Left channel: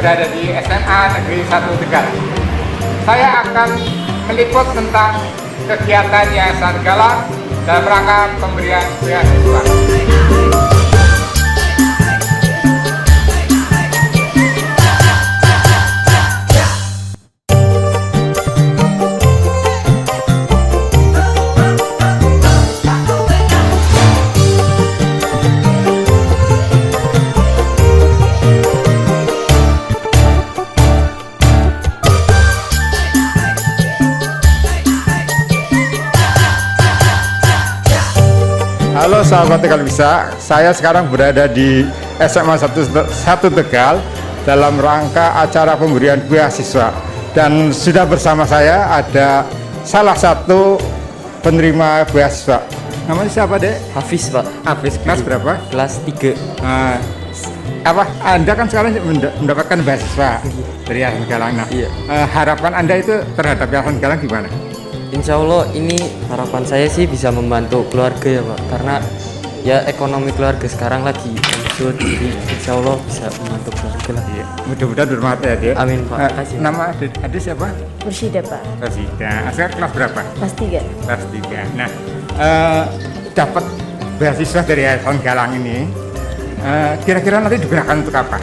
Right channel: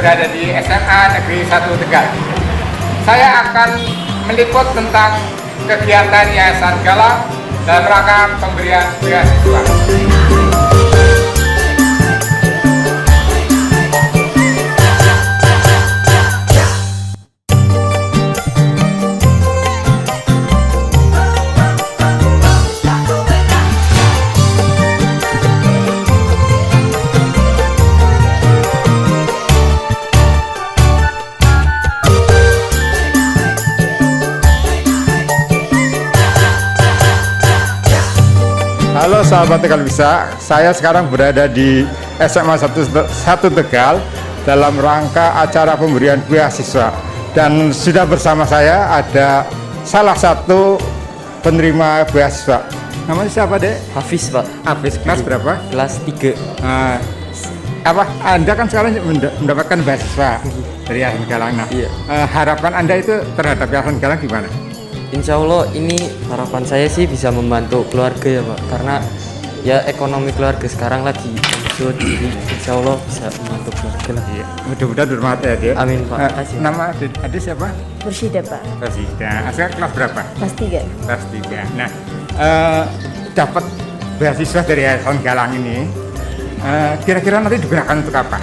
berada di SMA Negeri 1 Tegal. Saya akan meliput tentang kegiatan Yayasan Galang dalam rangka pemberian beasiswa. Halo sahabat Tegal Bisa, saya sekarang berada di SMA 1 Tegal dalam rangka acara pemberian beasiswa. Dan sudah bersama saya ada salah satu penerima beasiswa. Namanya siapa, Dek? Hafiz, Pak. Hafiz, kelas berapa? Kelas 3. Anda kan sekarang mendapatkan beasiswa dari Yayasan Galang. Nah, Iya. harapan Anda itu terhadap Yayasan Galang gimana? Insya Allah ini harapan saya sih bisa membantu keluarga ya, Pak. Karena ya ekonomi keluarga sekarang lagi sulit, jadi insya Allah bisa membantu keluarga lah. Iya, mudah-mudahan bermanfaat ya, Dek. Amin, Pak. Makasih. Nama adik siapa? Mursyida, Pak. Rosida. Sekarang kelas berapa? Kelas 3. Kelas 3. Nah, dapat beasiswa dari Yayasan Galang ini, kira-kira nanti digunakan untuk apa?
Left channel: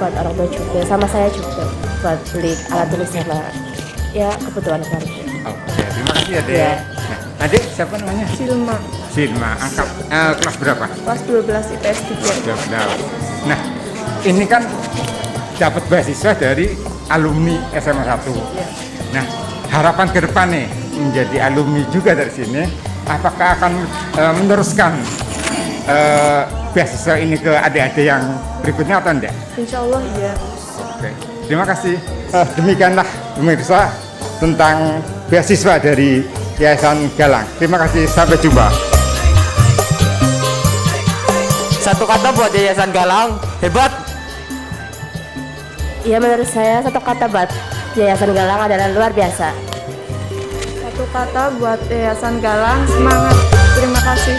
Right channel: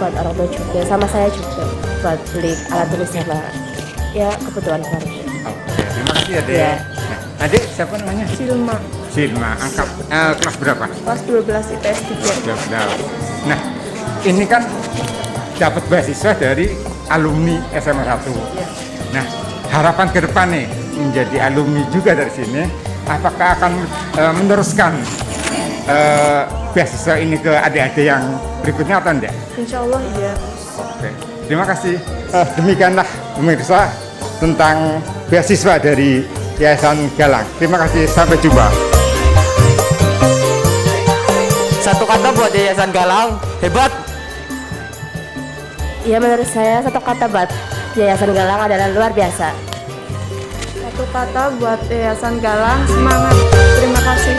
Buat orang tua juga, sama saya juga. Buat beli alat tulis sama ya kebutuhan keluarga. Oke, terima kasih ya, Dek. Iya. Nah, adik siapa namanya? Silma. Silma. Kelas berapa? Kelas 12 IPS 3. 12. Nah, ini kan dapat beasiswa dari alumni SMA 1. Iya. Nah, harapan ke depan nih menjadi alumni juga dari sini, apakah akan meneruskan beasiswa ini ke adik-adik yang berikutnya atau enggak? Insya Allah iya. Oke, terima kasih. Demikianlah pemirsa tentang beasiswa dari Yayasan Galang. Terima kasih, sampai jumpa. Satu kata buat Yayasan Galang, hebat. Iya, menurut saya satu kata buat Yayasan Galang adalah luar biasa. Satu kata buat Yayasan Galang, semangat. Terima kasih.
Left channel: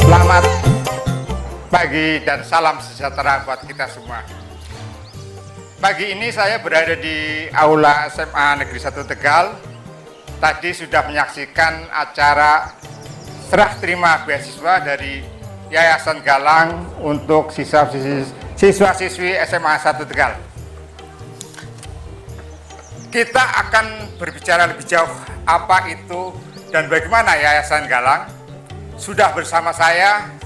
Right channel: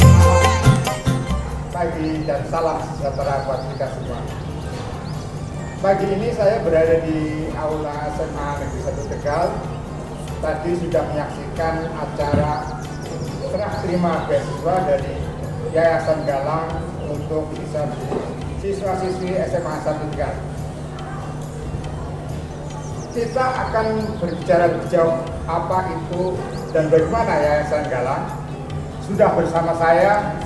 Selamat pagi dan salam sejahtera buat kita semua. Pagi ini saya berada di Aula SMA Negeri 1 Tegal. Tadi sudah menyaksikan acara serah terima beasiswa dari Yayasan Galang untuk siswa-siswi SMA 1 Tegal. Kita akan berbicara lebih jauh apa itu dan bagaimana Yayasan Galang. Sudah bersama saya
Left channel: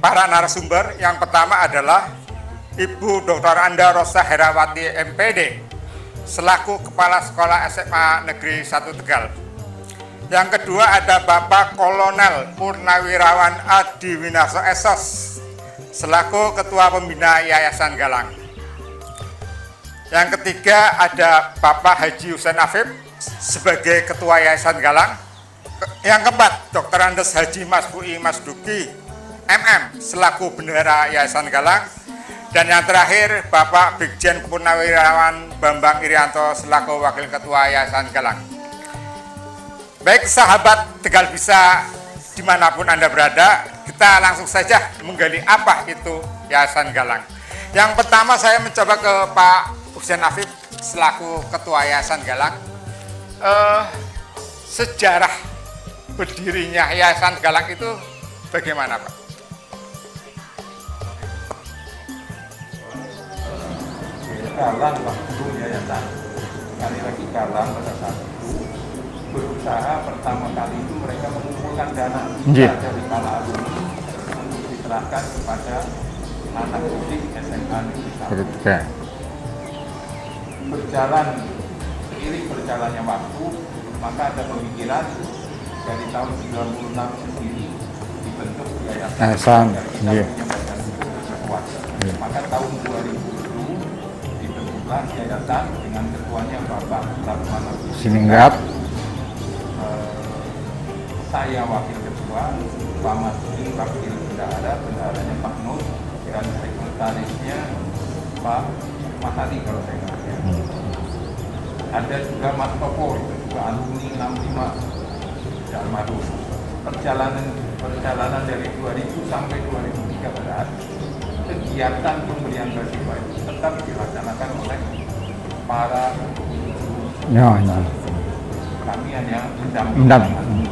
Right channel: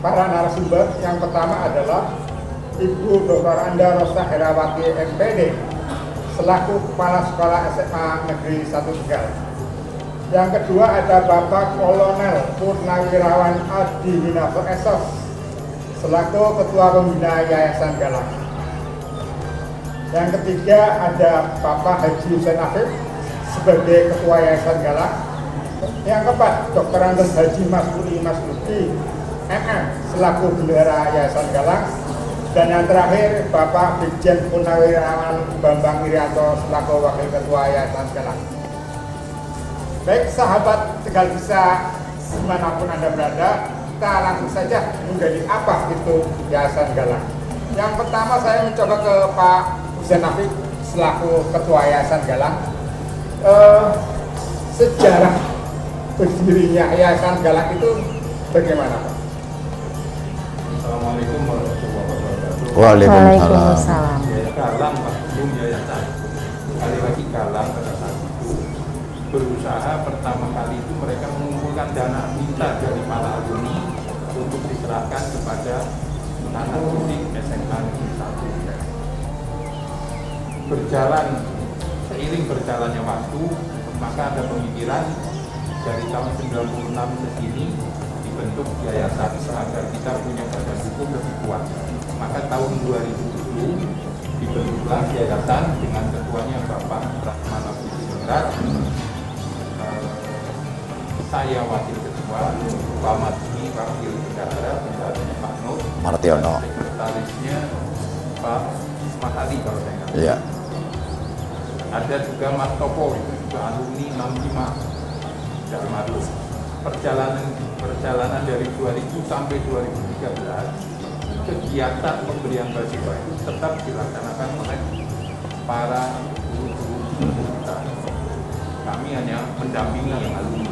para narasumber. Yang pertama adalah Ibu Dr. Anda Rosa Herawati MPD selaku Kepala Sekolah SMA Negeri 1 Tegal. Yang kedua ada Bapak Kolonel Purnawirawan Adi Winaso SOS selaku Ketua Pembina Yayasan Galang. Yang ketiga ada Bapak Haji Husain Afif sebagai Ketua Yayasan Galang. Yang keempat Dr. Andes Haji Masfuri Masduki MM selaku Bendahara Yayasan Galang. Dan yang terakhir Bapak Brigjen Purnawirawan Bambang Irianto selaku Wakil Ketua Yayasan Galang. Baik sahabat Tegal Bisa dimanapun Anda berada, kita langsung saja menggali apa itu Yayasan Galang. Yang pertama saya mencoba ke Pak Husain Afif selaku Ketua Yayasan Galang. Sejarah berdirinya Yayasan Galang itu bagaimana, Pak? Waalaikumsalam. Galang Bandung Yayasan. Sekali lagi Galang berusaha pertama kali itu mereka mengumpulkan dana dari para alumni untuk diserahkan kepada anak didik SMA. Berjalan seiring berjalannya waktu, maka ada pemikiran dari tahun 96 ini dibentuk yayasan dari itu terkuat. Maka tahun 2010 dibentuklah yayasan dengan ketuanya Bapak Pratama Siningrat. Saya wakil ketua, Pak Madini wakil bendaharanya Pak Nur Martiono. Sekretarisnya Pak Mahadi kalau saya ingat. Iya. Ada juga Mas Topo, itu juga alumni 65 Jalmadu. perjalanan dari 2000 sampai 2013, kegiatan pemberian beasiswa itu tetap dilaksanakan oleh para Ya, kami hanya mendampingi.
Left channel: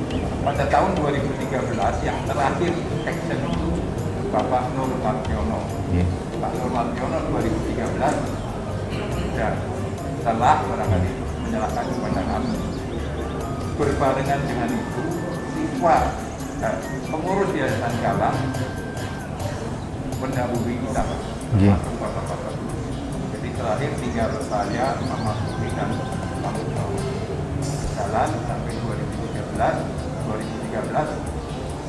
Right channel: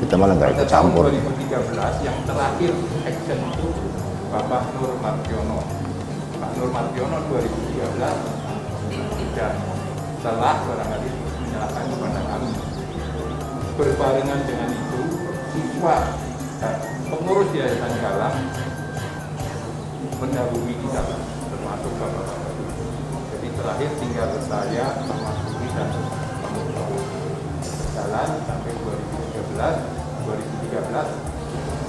Kita malah nggak Pada tahun 2013 yang terakhir action itu Bapak Nur Mardiono. Pak Nur Mardiono 2013 ya telah barangkali menyerahkan kepada kami. Berbarengan dengan itu, siswa dan pengurus Yayasan Galang mendahului kita, termasuk bapak-bapak. Jadi terakhir tinggal saya sama Putri dan jalan sampai 2013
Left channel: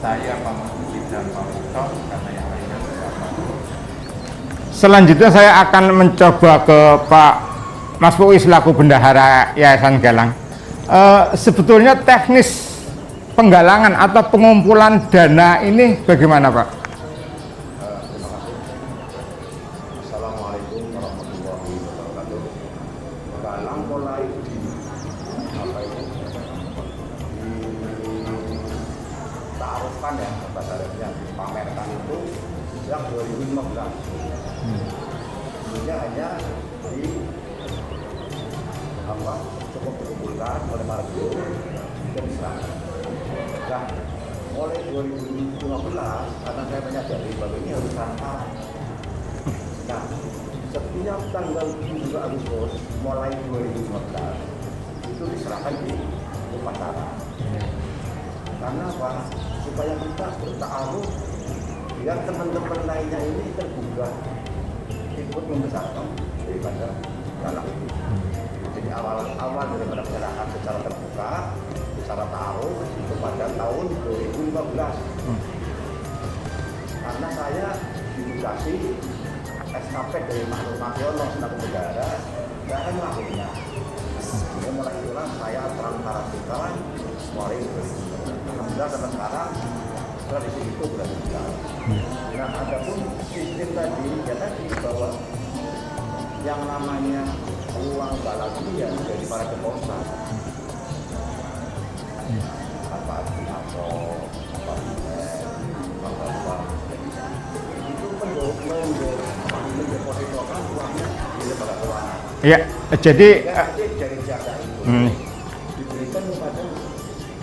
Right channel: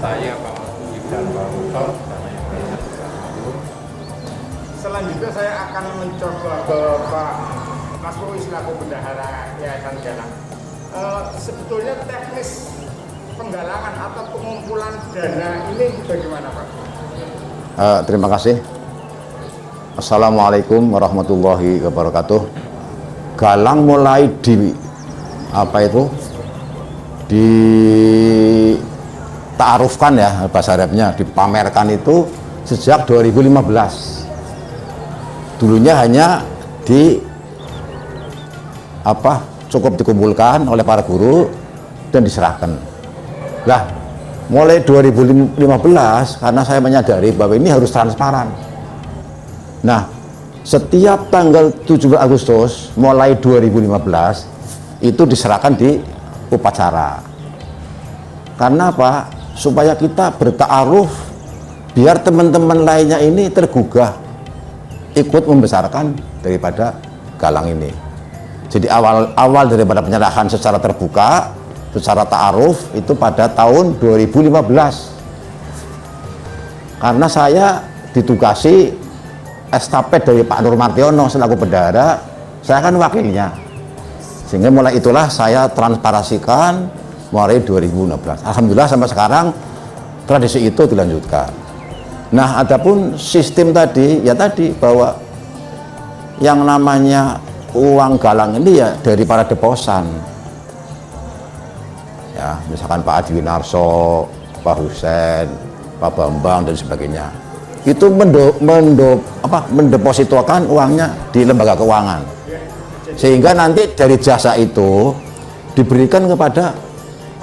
saya Pak Putri dan Pak Rusok karena yang lainnya bersama. Selanjutnya saya akan mencoba ke Pak Mas Pui selaku bendahara Yayasan Galang. Sebetulnya teknis penggalangan atau pengumpulan dana ini bagaimana, Pak? Terima kasih. Assalamualaikum warahmatullahi wabarakatuh. Galang mulai ditaarufkan ya bahasa Arabnya, dipamerkan itu sejak 2015. Dulunya hanya cukup dikumpulkan oleh para guru dan diserahkan. Nah, mulai 2015 karena saya menyadari bahwa ini harus transparan. Nah, setiap tanggal 17 Agustus mulai 2015 itu diserahkan di upacara. Karena apa? Supaya kita bertaaruf biar teman-teman lainnya ini tergugah ikut membesarkan daripada Galang ini. Jadi awal daripada penyerahan secara terbuka, secara ta'aruf itu pada tahun 2015. Karena saya ditugasi estafet dari Pak Nur Mardiono selaku bendahara, saya kan wakilnya. Sehingga mulai itulah saya transparasikan mulai 2016. Alhamdulillah sampai sekarang tradisi itu dilanjutkan. Nah, adapun sistem tadi, ya tadi bahwa yang namanya uang galang ini ya dari para deposan. Ya, misalkan Pak Adi Winarso, Pak Husen, Pak Bambang dan sebagainya. Itu mendepositokan uangnya di lembaga keuangan. Ya, jadi Sehingga nanti dari jasa itu diberikan kepada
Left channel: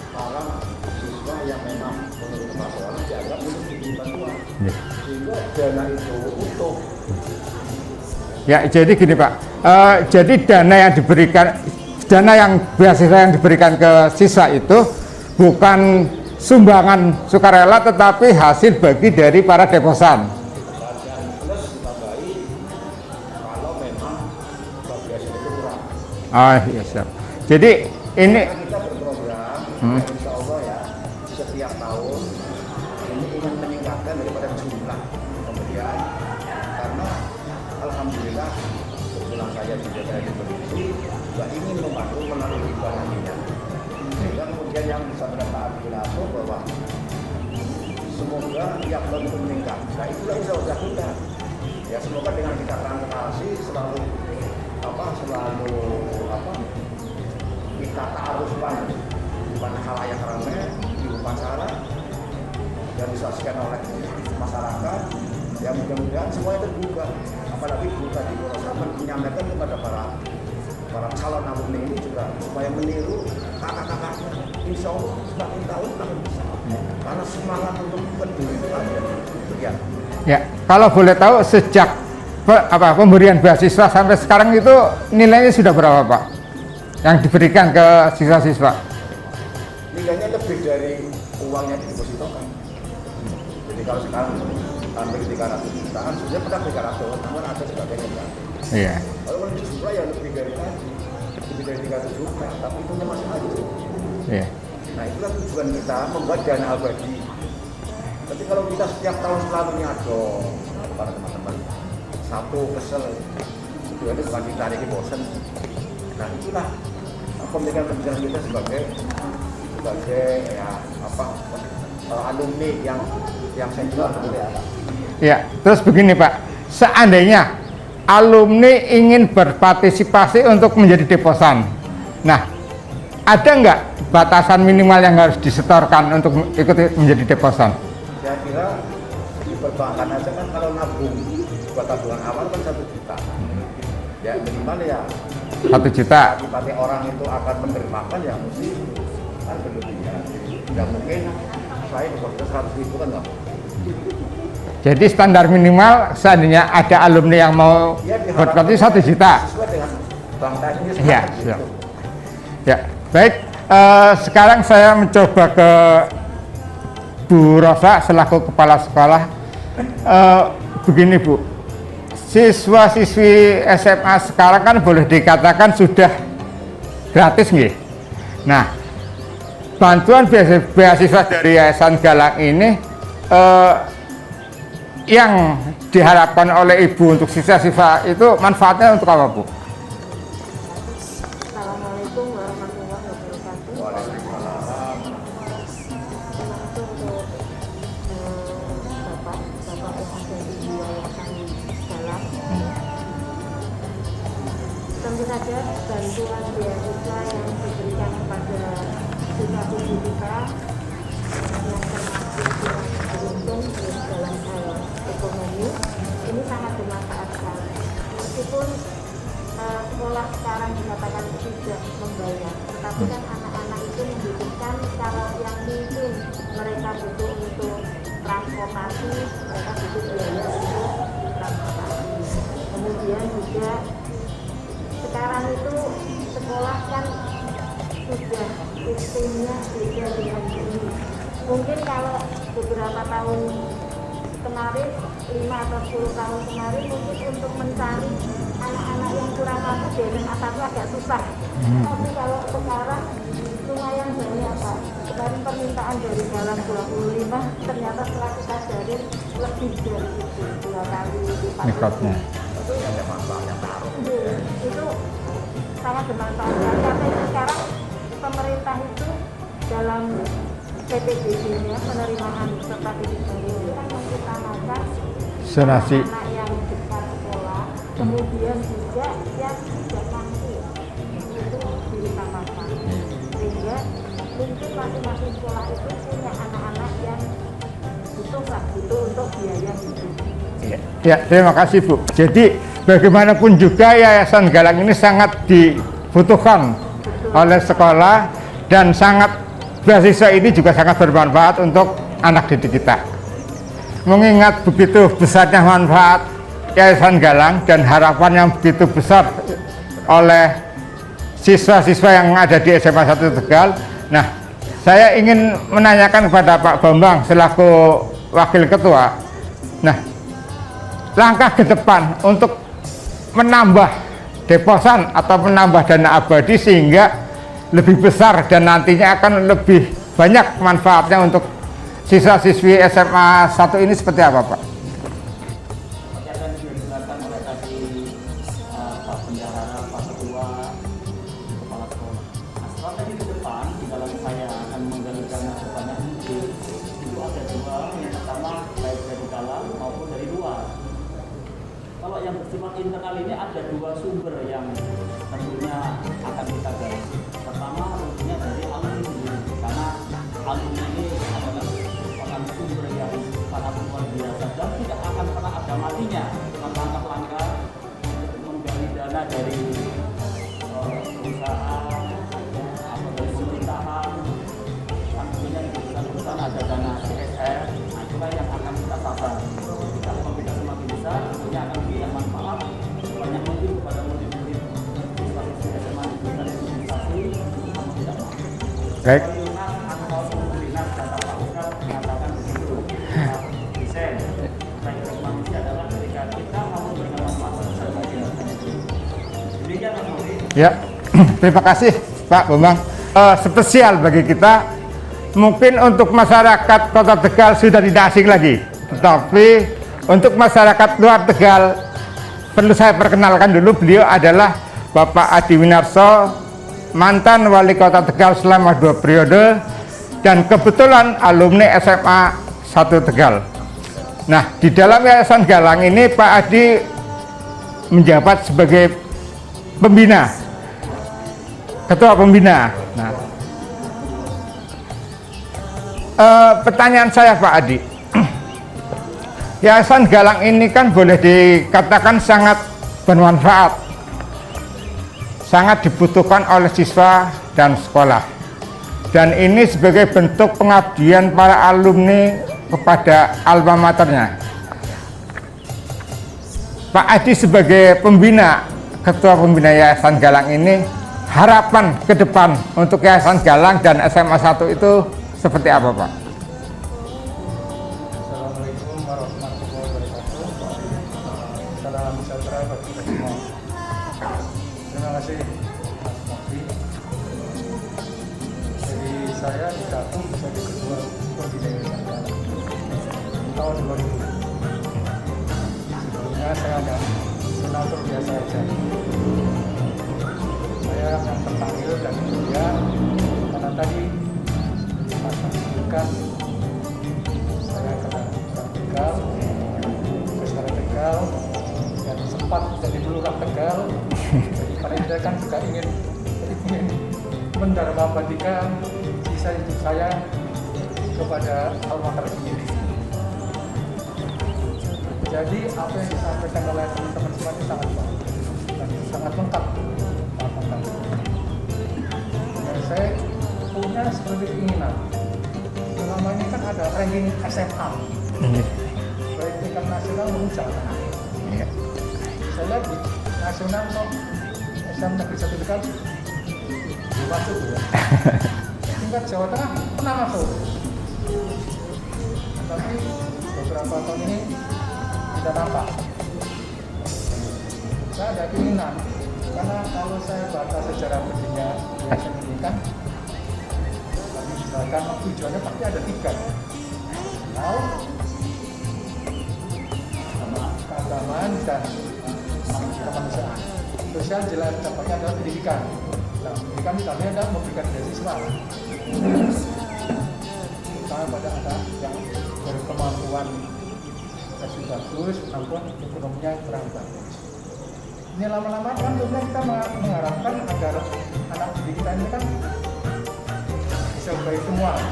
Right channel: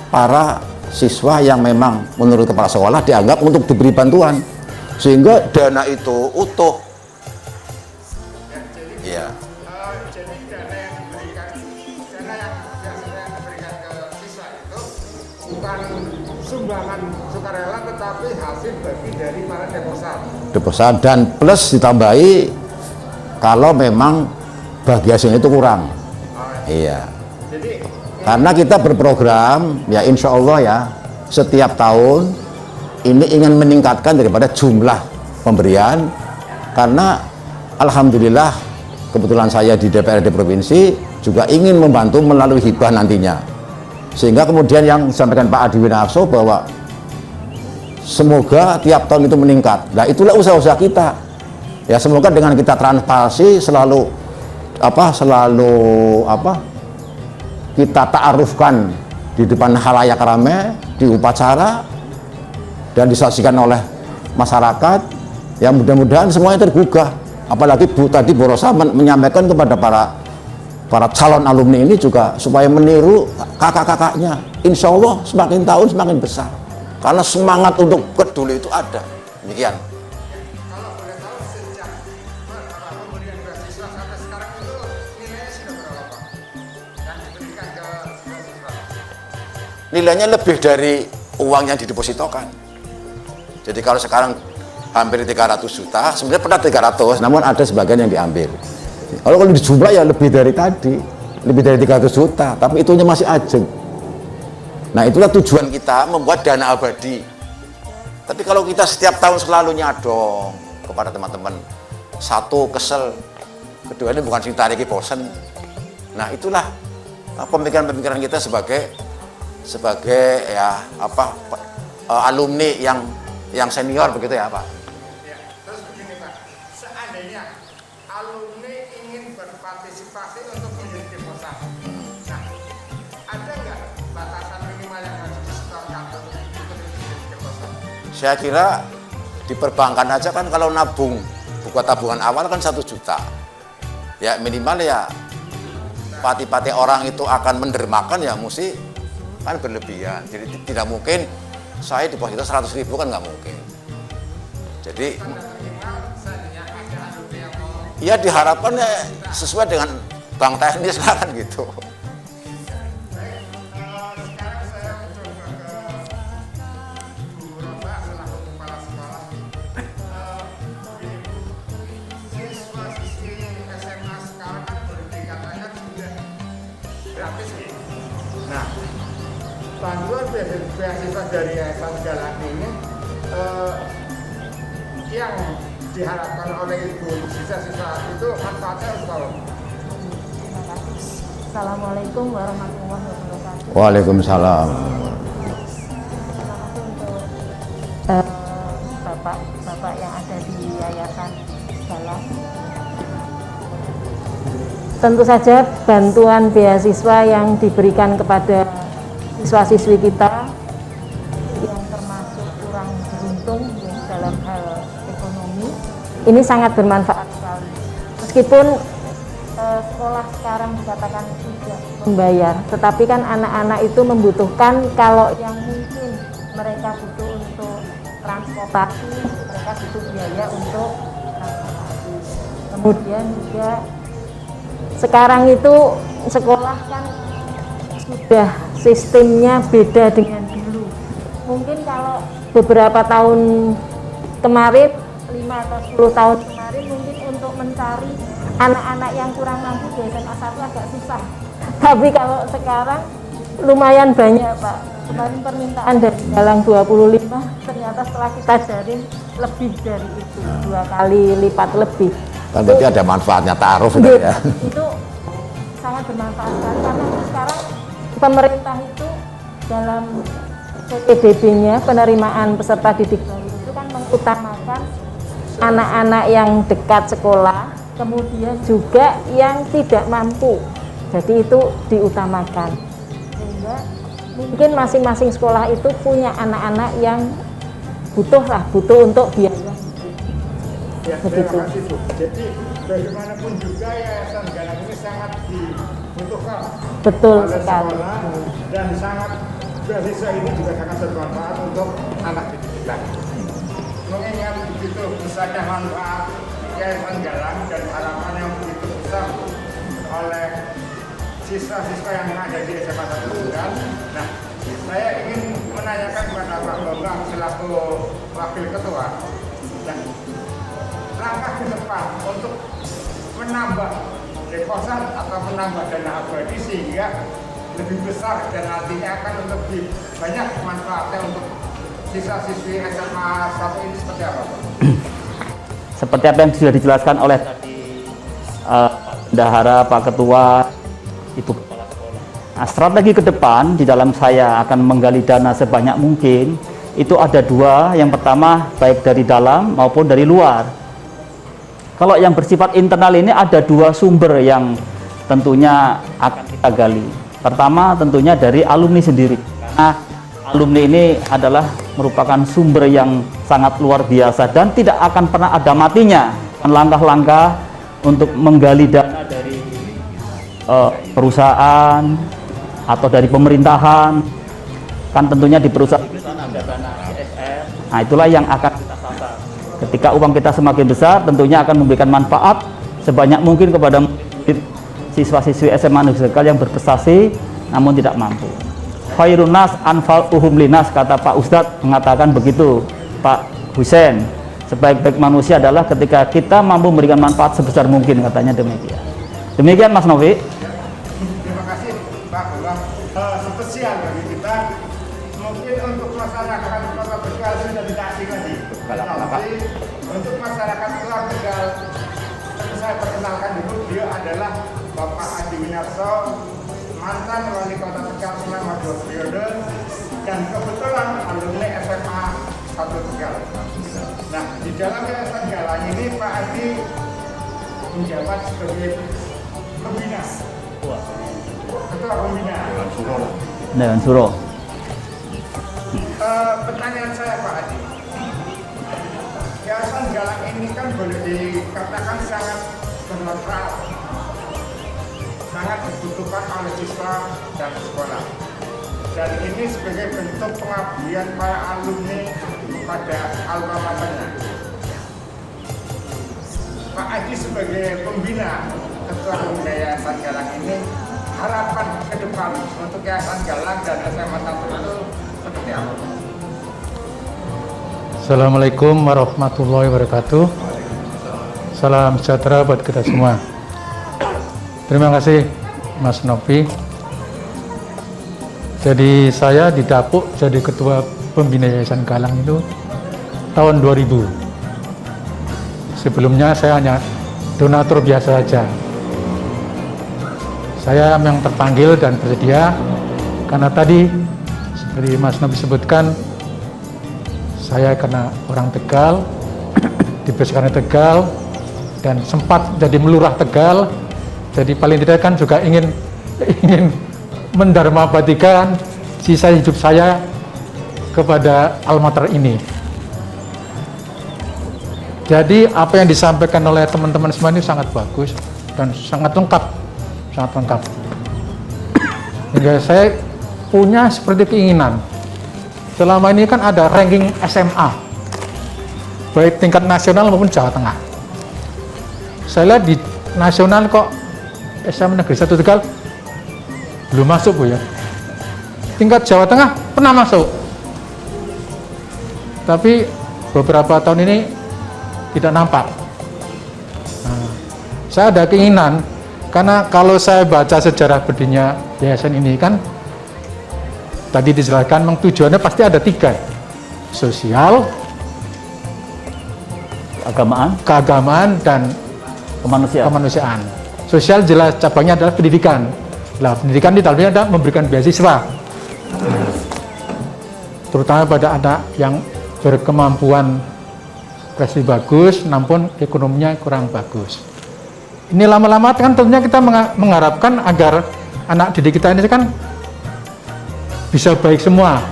para siswa yang memang menurut kepala sekolah dianggap untuk diberi bantuan. Sehingga dana itu utuh. ya, jadi gini Pak, jadi dana yang beasiswa yang diberikan ke siswa itu bukan sumbangan sukarela tetapi hasil bagi dari para deposan. Deposan dan plus ditambahi kalau memang bagi hasilnya itu kurang. Oh, Iya. jadi ini Karena kita berprogram ya insya Allah ya setiap tahun ini ingin meningkatkan daripada jumlah pemberian karena alhamdulillah kebetulan saya di DPRD provinsi juga ingin membantu melalui hibah nantinya. Sehingga kemudian yang disampaikan Pak Adi Winarso bahwa semoga tiap tahun itu meningkat. Nah, itulah usaha-usaha kita. Ya, semoga dengan kita transparansi selalu kita ta'arufkan di depan khalayak ramai, di upacara dan disaksikan oleh masyarakat. Ya, mudah-mudahan semuanya tergugah. Apalagi tadi Bu Rosa menyampaikan kepada para calon alumni ini juga supaya meniru kakak-kakaknya. Insya Allah semakin tahun semakin besar. Karena semangat untuk peduli itu ada. Demikian. ya, kalau boleh tahu sejak pemberian beasiswa sampai sekarang itu nilainya sudah berapa Pak? Yang diberikan ke siswa-siswa? Nilainya lebih dari uang yang didepositokan. Jadi kalau sekarang hampir 300 juta, sebenarnya pernah 300, namun ada sebagian yang diambil. Iya. Kalau dijumlah ya lebih dari tadi, lebih dari 300 juta, tapi itunya masih ajeng. Iya. Nah, itulah tujuan kita membuat dana abadi. Tapi kalau kita setiap tahun selalu nyadong kepada teman-teman, satu kesel, kedua ini bukan sing tariki bosen. Nah, itulah pemikiran-pemikiran kita sebagai alumni yang senior begitu ya Pak. Ya, terus begini Pak, seandainya alumni ingin berpartisipasi untuk menjadi deposan, nah ada nggak batasan minimal yang harus disetorkan untuk ikut menjadi deposan? Saya kira di perbankan aja kan kalau nabung buat tabungan awal kan 1 juta. Ya minimal ya 1 juta. pati-pati orang itu akan mendermakan ya mesti kan berlebihan. Jadi tidak mungkin saya deposito 100.000 kan nggak mungkin. Jadi standar minimal seandainya ada alumni yang mau Ya diharapkan berarti 1 juta. sesuai dengan bank teknis Ya, kan gitu. Ya, baik. Sekarang saya mencoba ke Bu Rosa selaku kepala sekolah. Begini Bu, siswa-siswi SMA sekarang kan boleh dikatakan sudah gratis nih. Nah, bantuan beasiswa dari Yayasan Galang ini yang diharapkan oleh Ibu untuk siswa-siswa itu manfaatnya untuk apa Bu? Assalamualaikum warahmatullahi wabarakatuh. Waalaikumsalam. Bapak yang ada di Yayasan Galang. Tentu saja bantuan beasiswa yang diberikan kepada siswa-siswi kita yang termasuk kurang beruntung dalam hal ekonomi ini sangat bermanfaat sekali. Meskipun sekolah sekarang dikatakan tidak membayar, tetapi kan anak-anak itu membutuhkan kalau yang mungkin mereka butuh untuk transportasi, mereka butuh biaya untuk transportasi. Kemudian juga sekarang itu sekolah kan sudah sistemnya beda dengan dulu. Mungkin kalau beberapa tahun kemarin, 5 atau 10 tahun kemarin mungkin untuk mencari anak-anak yang kurang mampu di SMA 1 agak susah. Tapi kalau sekarang lumayan banyak Pak. Kemarin permintaan dari Galang 25, ternyata setelah kita cari lebih dari 2 kali lipat lebih. Kan berarti ada manfaatnya taruh sudah ya. Itu sangat bermanfaat sekali karena sekarang pemerintah itu dalam PDB-nya penerimaan peserta didik itu kan mengutamakan anak-anak yang dekat sekolah, kemudian juga yang tidak mampu. Jadi itu diutamakan. Sehingga mungkin masing-masing sekolah itu punya anak-anak yang butuh untuk biaya hidup. Ya, terima kasih Bu. Jadi bagaimanapun juga Yayasan Galang ini sangat dibutuhkan oleh sekolah dan sangat beasiswa ini juga sangat bermanfaat untuk anak didik kita. Mengingat begitu besarnya manfaat Yayasan Galang dan harapan yang begitu besar oleh siswa-siswa yang ada di SMA 1 Tegal. Nah, saya ingin menanyakan kepada Pak Bambang selaku Wakil Ketua. Nah, langkah ke depan untuk menambah deposan atau menambah dana abadi sehingga lebih besar dan nantinya akan lebih banyak manfaatnya untuk siswa-siswi SMA 1 ini seperti apa Pak? Seperti apa yang sudah dijelaskan oleh Bendahara, Pak Ketua, Ibu Kepala Sekolah. Nah, strategi ke depan di dalam saya akan menggali dana sebanyak mungkin itu ada 2. Yang pertama baik dari dalam maupun dari luar. Kalau yang bersifat internal ini ada 2 sumber yang tentunya akan kita gali. Pertama tentunya dari alumni sendiri. Nah, alumni ini adalah merupakan sumber yang sangat luar biasa dan tidak akan pernah ada matinya. Langkah-langkah untuk menggali dana dari perusahaan atau dari pemerintahan, kan tentunya di perusahaan ada dana CSR. Nah, itulah yang akan kita sasar. Ketika uang kita semakin besar, tentunya akan memberikan manfaat sebanyak mungkin kepada siswa-siswi SMA Negeri Tegal yang berprestasi namun tidak mampu. Khairun nas anfa'uhum linas, kata Pak Ustadz mengatakan begitu, Pak Husein. Sebaik-baik manusia adalah ketika kita mampu memberikan manfaat sebesar mungkin, katanya demikian. Demikian Mas Novi. Ya, terima kasih Pak Bambang. Spesial bagi kita, mungkin untuk masyarakat Kota Tegal sudah tidak asing lagi. Tapi untuk masyarakat luar Tegal, perlu saya perkenalkan dulu, beliau adalah Bapak Adi Winarso, mantan Wali Kota Tegal selama 2 periode, dan kebetulan alumni SMA 1 Tegal. Nah, di dalam Yayasan Galang ini Pak Adi menjabat sebagai pembina, ketua pembina. Nah, Dan Suro. Pertanyaan saya Pak Adi, Yayasan Galang ini kan boleh dikatakan sangat bermanfaat, sangat dibutuhkan oleh siswa dan sekolah, dan ini sebagai bentuk pengabdian para alumni kepada alma maternya. Pak Adi sebagai pembina, ketua pembina Yayasan Galang ini, harapan ke depan untuk Yayasan Galang dan SMA 1 itu seperti apa Pak? Assalamualaikum warahmatullahi wabarakatuh. Salam sejahtera buat kita semua. Terima kasih Mas Novi. Jadi saya didapuk jadi ketua pembina Yayasan Galang itu tahun 2000. Sebelumnya saya hanya donatur biasa saja. Saya yang terpanggil dan bersedia karena tadi seperti Mas Novi sebutkan, saya karena orang Tegal, dibesarkan di Tegal, dan sempat jadi melurah Tegal. Jadi paling tidak kan juga ingin mendarmabadikan sisa hidup saya kepada alma mater ini. Jadi apa yang disampaikan oleh teman-teman semua ini sangat bagus dan sangat lengkap, sangat lengkap. Hingga saya punya seperti keinginan. Selama ini kan ada ranking SMA, baik tingkat nasional maupun Jawa Tengah. Saya lihat di nasional kok SMA Negeri 1 Tegal belum masuk Bu ya. Tingkat Jawa Tengah pernah masuk, tapi beberapa tahun ini tidak nampak. Nah, saya ada keinginan, karena kalau saya baca sejarah berdirinya yayasan ini kan tadi dijelaskan memang tujuannya pasti ada 3: sosial, keagamaan, dan kemanusiaan. Sosial jelas cabangnya adalah pendidikan. Nah, pendidikan di dalamnya ada memberikan beasiswa, terutama pada anak yang berkemampuan prestasi bagus, namun ekonominya kurang bagus. Ini lama-lama kan tentunya kita mengharapkan agar anak didik kita ini kan bisa baik semua.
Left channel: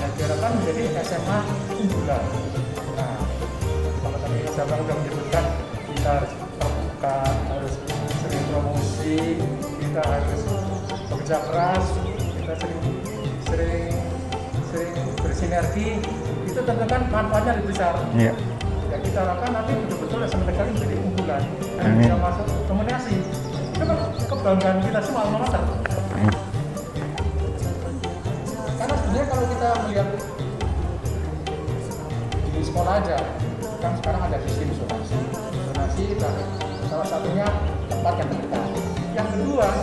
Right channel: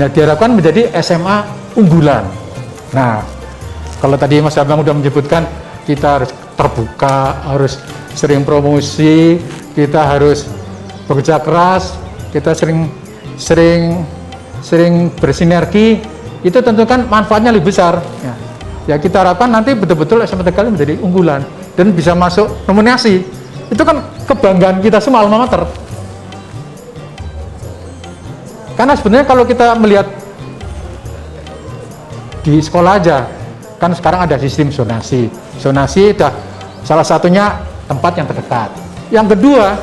Nah, diharapkan menjadi SMA unggulan. Nah, kalau tadi Mas Abang sudah menyebutkan kita harus terbuka, harus sering promosi, kita harus bekerja keras, kita sering bersinergi, itu tentu kan manfaatnya lebih besar. Ya kita harapkan nanti betul-betul SMA Tegal menjadi unggulan dan bisa masuk nominasi. Itu kan kebanggaan kita semua alma mater. Karena sebenarnya kalau kita melihat di sekolah aja, kan sekarang ada sistem zonasi. Zonasi dah salah satunya tempat yang terdekat. Yang kedua,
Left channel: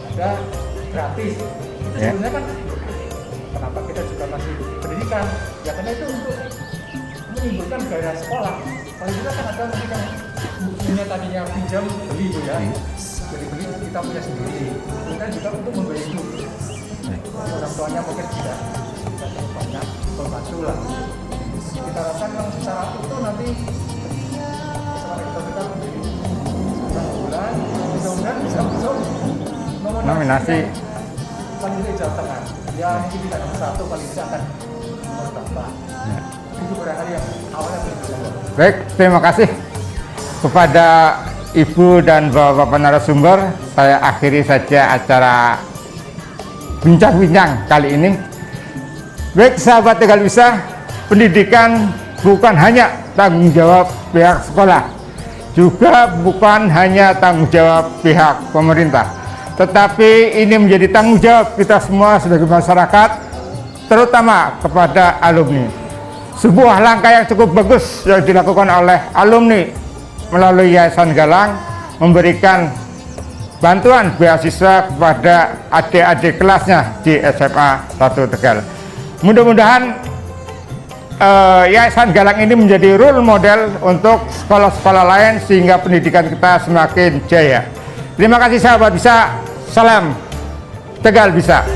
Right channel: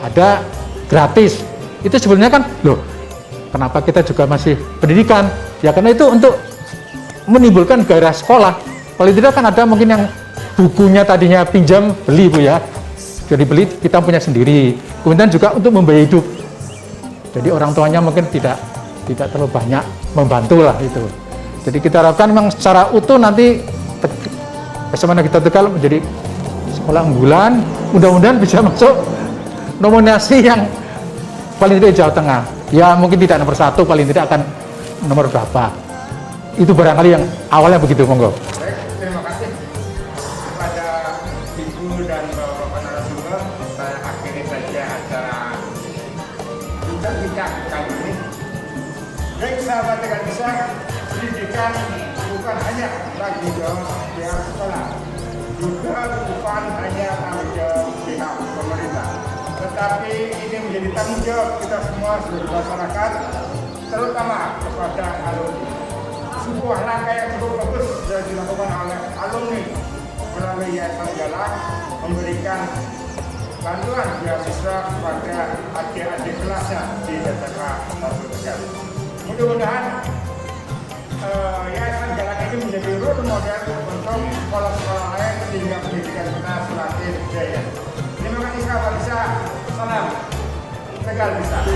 ada gratis. Itu sebenarnya kan, loh, kenapa kita juga masih pendidikan? Ya karena itu untuk menimbulkan gairah sekolah. Paling tidak kan ada mungkin yang bukunya tadinya pinjam, beli Bu ya. Jadi beli, kita punya sendiri. Kemudian juga untuk membiayai hidup. Jadi orang tuanya mungkin tidak terlalu banyak membantu lah itu. Jadi kita harapkan memang secara utuh nanti SMA Negeri Tegal menjadi sekolah unggulan. Mudah-mudahan bisa masuk nominasi yang paling tidak Jawa Tengah. Ya mungkin tidak nomor 1, paling tidak akan nomor berapa. Itu barangkali yang awalnya begitu, monggo. Baik, terima kasih kepada Ibu dan Bapak narasumber. Saya akhiri saja acara bincang-bincang kali ini. Baik sahabat Tegal Bisa, pendidikan bukan hanya tanggung jawab pihak sekolah, juga bukan hanya tanggung jawab pihak pemerintah, tetapi ini menjadi tanggung jawab kita semua sebagai masyarakat, terutama kepada alumni. Sebuah langkah yang cukup bagus yang dilakukan oleh alumni melalui Yayasan Galang, memberikan bantuan beasiswa kepada adik-adik kelasnya di SMA 1 Tegal. Mudah-mudahan Yayasan Galang ini menjadi role model untuk sekolah-sekolah lain sehingga pendidikan kita semakin jaya. Terima kasih sahabat Bisa, salam Tegal Bisa.